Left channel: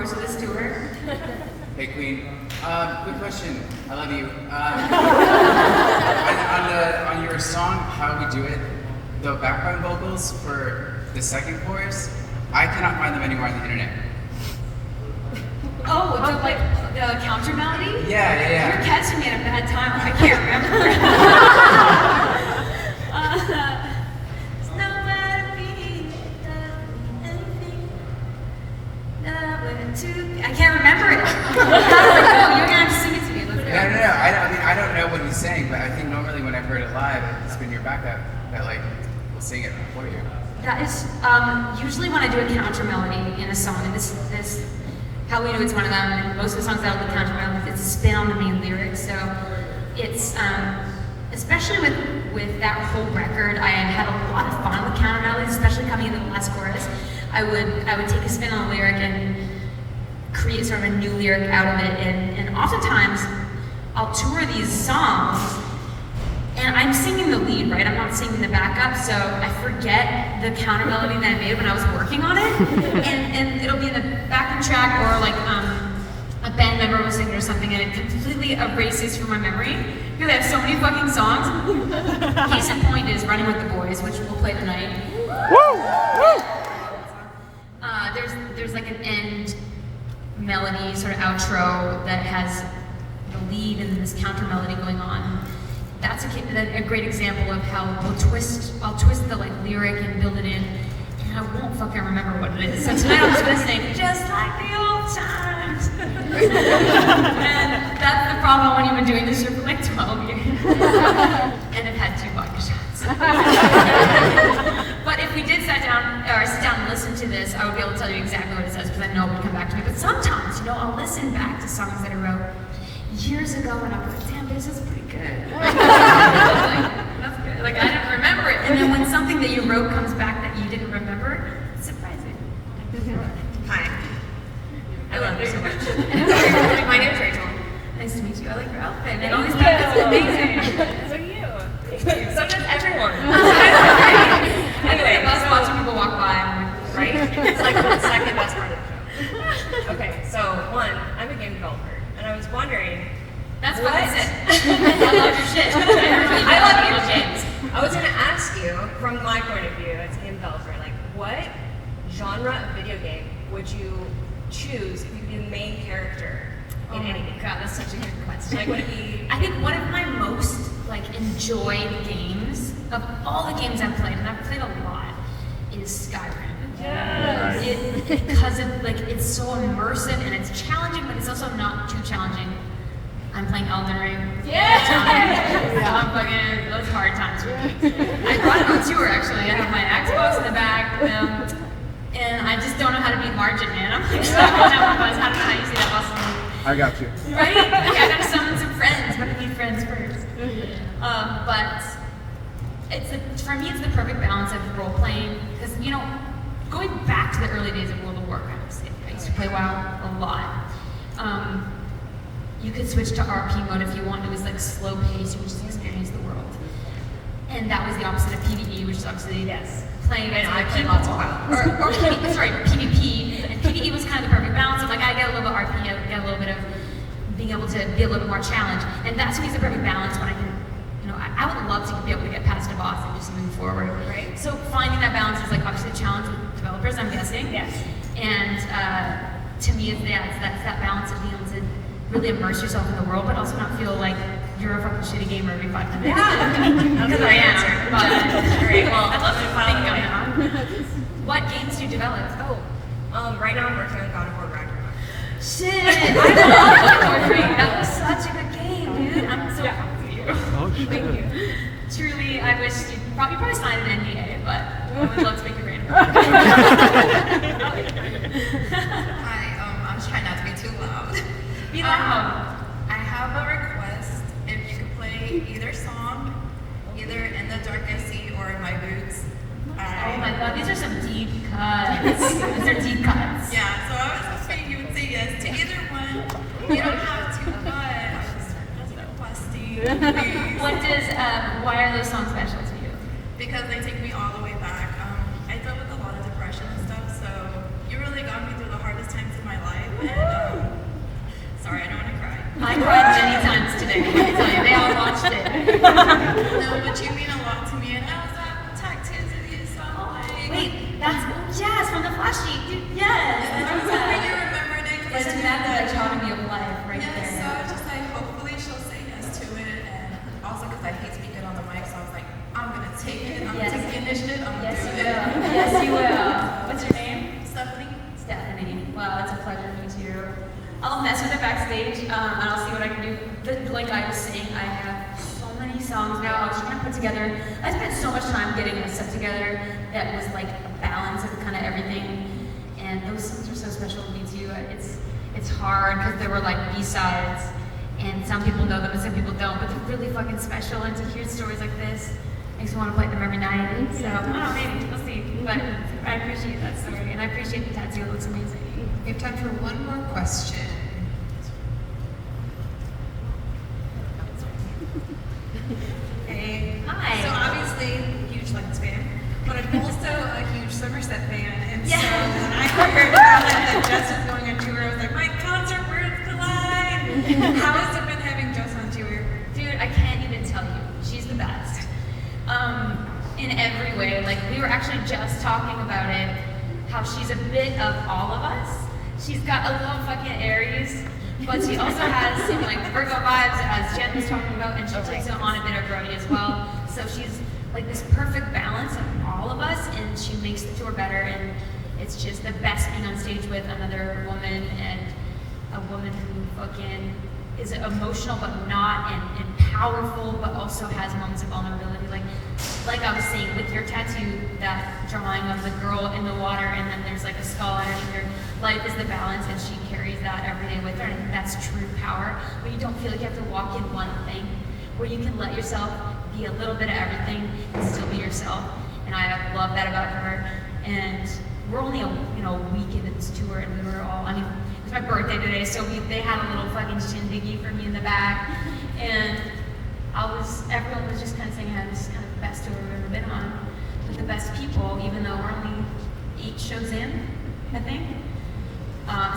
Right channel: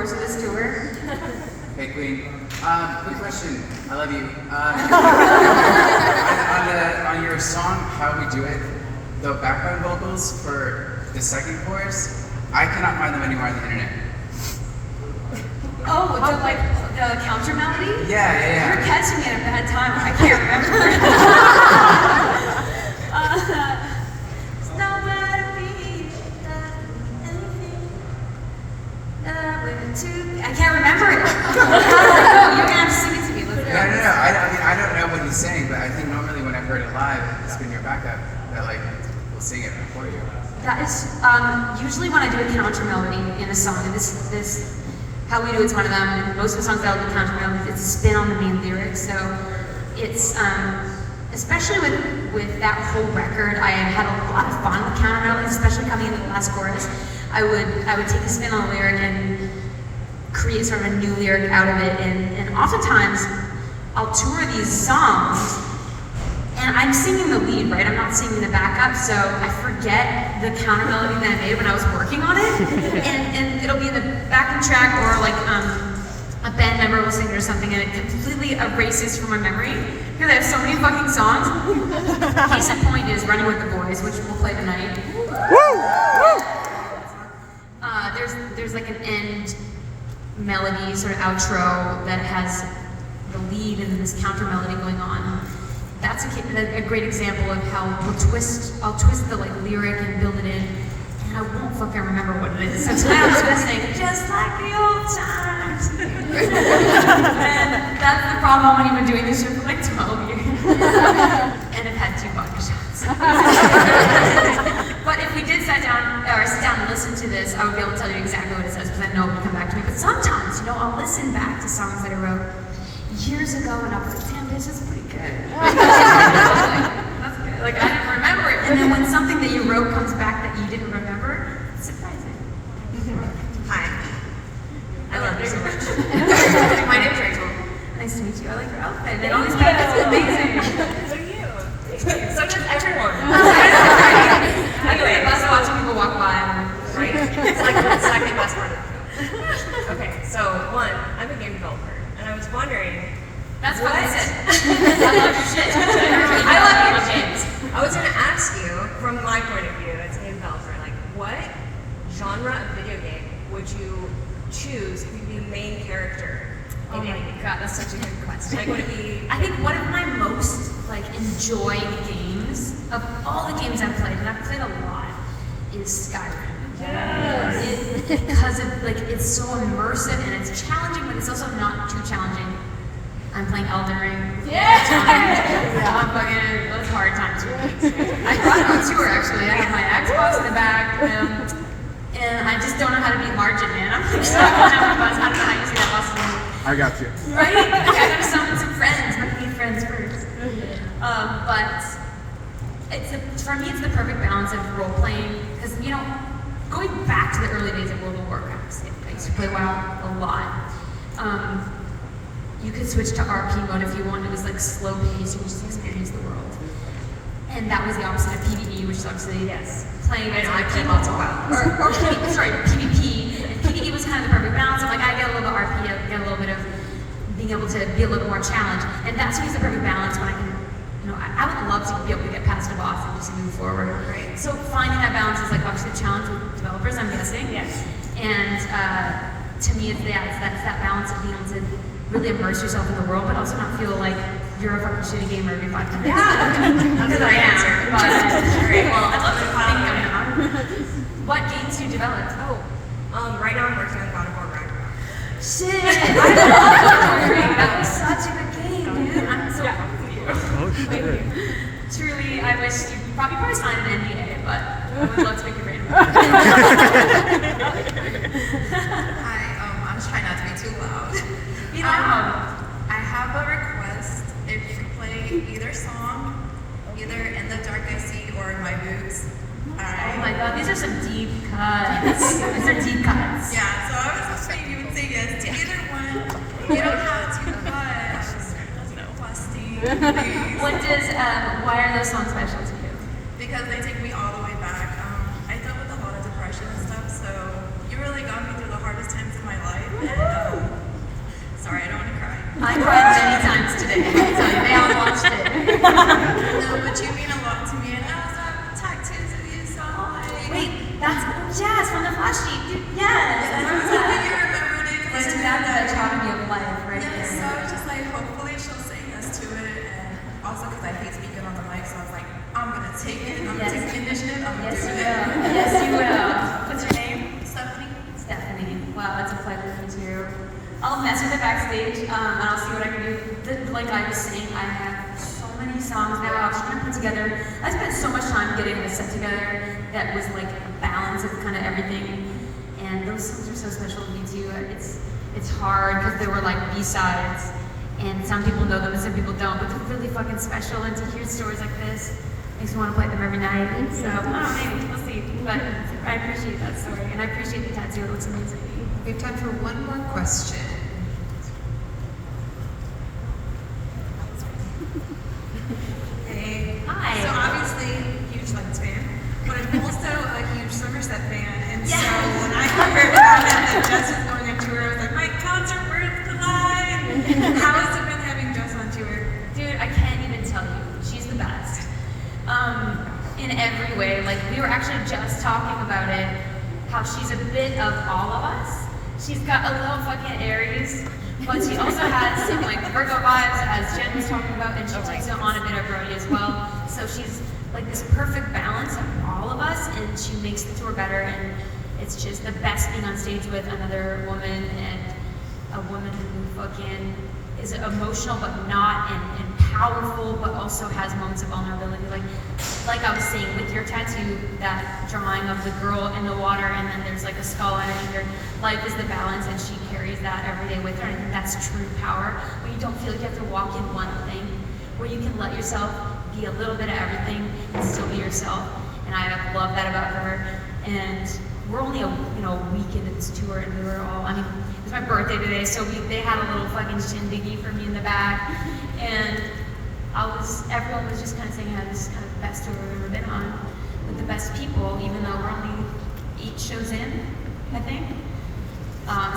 course of this tour. Hey Queen, quick question. I love you. On your song "How We Do It," the background vocals for the second chorus, I cannot find them anywhere on the internet. Oh, like the counter melody? Yeah. You're catching me at a bad time. I can't remember. It's not bad to be anything. I can't remember it. You're gonna have to sing it to me. No. I don't know what he's saying, but I think normally when I've heard it live, it's been your backup that like will sing it for you. That is usually when I do a counter melody in a song, and this How We Do It's one of them, and most of the songs that will be counter melodies, it's a spin on the main lyrics. So it's especially with that whole record, I had a lot of fun with counter melodies, especially coming in the last chorus. I would take a spin on a lyric and create sort of a new lyric out of it, and oftentimes I'll tour these songs and I'm singing the lead, right? I'm not singing the backup, so I forget the counter melody that I made when I was working on it, and it'll be in the backup track, or like a band member will sing it or something, and it completely erases from my memory. Because I have so many fucking songs. Case in point is "Running with the Boys," which we'll play tonight. There's like an end melody, sort of outro that has the lead and then this counter melody going on. That's a great example of how I'll twist the like lyric and build it in, and I won't fucking remember what it is. So tonight I'm just gonna sing "Just Like the Old Times," and that's the problem when you've been doing this show for like 12 years, and I've had 2 vodka shots. But if we did sit down and listen to this, I would be able to tell you exactly what it says because I know it would come back to me. But sometimes, I'll listen back to songs that I wrote years ago, and I'll be like, damn, this is pretty good. That's good. Like, I didn't remember it. And then when something that you wrote comes back that you didn't remember, it's surprising. Hi. I love you so much. My name's Rachel. Nice to meet you. I like your outfit. And all these outfits are amazing. So do you. So does everyone. I go to the bus watching people walk by. Right? It's like the second best part of the show. Okay, so one, I'm a game developer, and I was wondering. That's what I said. I love your shit. I love your shit. I was going to ask you, from my point of view as a game developer, like, what genre of video game would you choose to be the main character in any game? God, that's such a good question. Like, would it be? I think one of my most enjoyed games of all the games I've played, and I've played a lot, is Skyrim. Yes. Because it's so immersive and it's challenging, but it's also not too challenging. I'm playing Elden Ring. Yeah. I'm fucking those hard times for me. I brought it on tour actually. I have my Xbox in the back, and I just don't know how to beat Margin, man. I'm like stuck on everybody's how to use that awesome. I got you. Right? I gotta summon some friends, but I need friends first. But for me, it's the perfect balance of role playing, because going back to the early days of World of Warcraft, I used to play WoW a lot. You could switch to RP mode if you want. It was slow paced. You would just experience the world. And that was the opposite of PvE, which is obviously playing against I other played people. lots of WoW. PvP. And PvE was kind of the perfect balance of I get a little bit of RP, I get a little bit of being able to be a little more challenged. And that's to me is the perfect balance when I can, I would love to be able to get past a boss and just move forward. Right. So finding that balance is obviously a challenge with developers, I'm guessing. Yes. And to me, it's that balance of being able to really immerse yourself in the world, but also not feel like you're a fucking shitty gamer every 5 minutes. Yeah. That's the right answer. But Great. Well, I love to think that. What games do you develop? Right now I'm working on God of War Ragnarok. Shit! I love it. That was such a good game, dude. I'm so pumped for you. Oh, shit. Thank you. Truly, I wish you'd probably signed an NDA, but I would love to make a great Hi, I'm just trying not to be too loud. You know, I have a request. If you could play either song, either In the Darkest Sea or My Boots. oh my god, these are some deep cuts. These are deep cuts. Yeah, so I was hoping you would say yes to either one. You don't have to, but just requesting, please. Why are those songs special to you? Because they take me all the way back. I dealt with a lot of depression and stuff, so you really got me through the hardest times of my life. No, but you mean a lot to me, and I was at tattoos with you, so like. Wait, that's yes from the flash sheet. Dude, yes. I Yeah, love so when that. you remembered it, That's because exactly the autonomy of life, right yeah, so there. I was just like, hopefully she'll say yes to it, and also because I hate to be good on the mic, so I was like, I'm gonna take it, I'm gonna Yes. take the initiative, I'm gonna Yes, do you it. will. Yes, you will. What's your name? Stephanie. Stephanie. Wow, it's a pleasure to meet you. I'll mess with it backstage, and I'll see what I can do. Like I was saying, I have so many songs now. I was trying to put together. I spent so much time getting a set together that was like a balance of kind of everything. And those songs are so special to me too. It's hard because they were like B-sides, and some people know them and some people don't. But they're really fucking special. And to hear stories like this makes me want to play them every night. So I don't know, maybe we'll see. But I appreciate that story, and I appreciate the tattoo. It looks amazing. We have time for one more question. Hey. Hi. So obviously, huge Lights fan, but I'm also a huge Somerset fan, and Yes. so when I heard that Jess was going on tour, I was like, my concert words collide! How has it been having Jess on tour? Dude, I can't even tell you. She's the best. In every way. Like, we were actually just talking about it, how she's a bit of all of us. She's got a little fucking Aries, but she also has some like Virgo vibes, as Jen was talking about, and she takes it on a bit of Brody as well. So she's like this perfect balance of all of us, and she makes the tour better, and it's just the best being on stage with another woman, and a woman who fucking is emotional but not, and powerful but also has moments of vulnerability. Like I was saying with your tattoo, that drawing of the girl in the water, and then there's like a skull underneath your life is the balance, and she carries that every day with her. And I think that's true power, when you don't feel like you have to walk in one thing, where you can let yourself be a little bit of everything and still be yourself. And I love that about her. And we're only a week into this tour, and we were all, it was my birthday today, so they had a little fucking shindiggy for me in the back, and everyone was just kind of saying how this is kind of the best tour we've ever been on, with the best people, even though we're only 8 shows in, I think.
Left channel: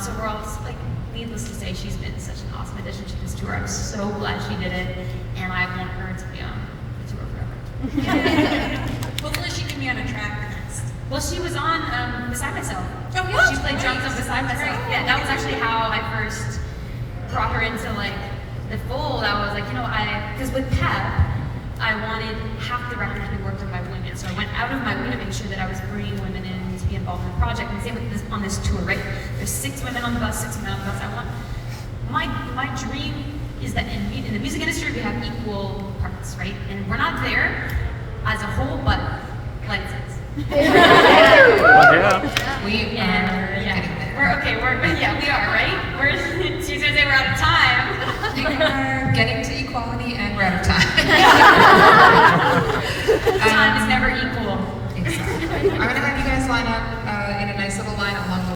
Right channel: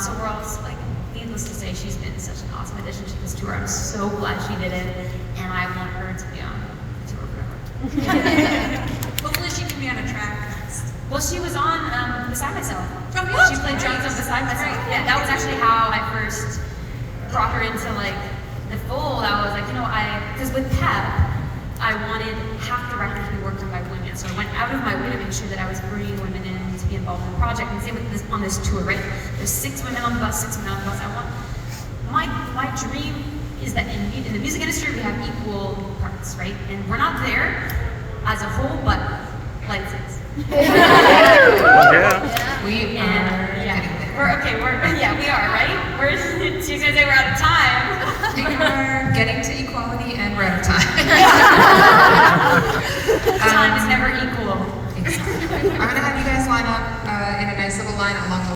So we're all just, like, needless to say, she's been such an awesome addition to this tour. I'm so glad she did it, and I want her to be on the tour forever. Hopefully she can be on a track next. Well, she was on Beside Myself. Oh, yeah. She played drums on Beside Myself. Yeah, that was actually how I first brought her into like the fold. I was like, because with Pep, I wanted half the record to be worked on by women. So I went out of my way to make sure that I was bringing women in to be involved in the project. And same with this on this tour, right? There's 6 women on the bus, 6 men on the bus. I want my dream is that in the music industry we have equal parts, right? And we're not there as a whole, but like this. Yeah. We are getting there. We are, right? She's gonna say we're out of time. We are getting to equality and we're out of time. Time is never equal. Exactly. I'm going to have you guys line up in a nice little line along the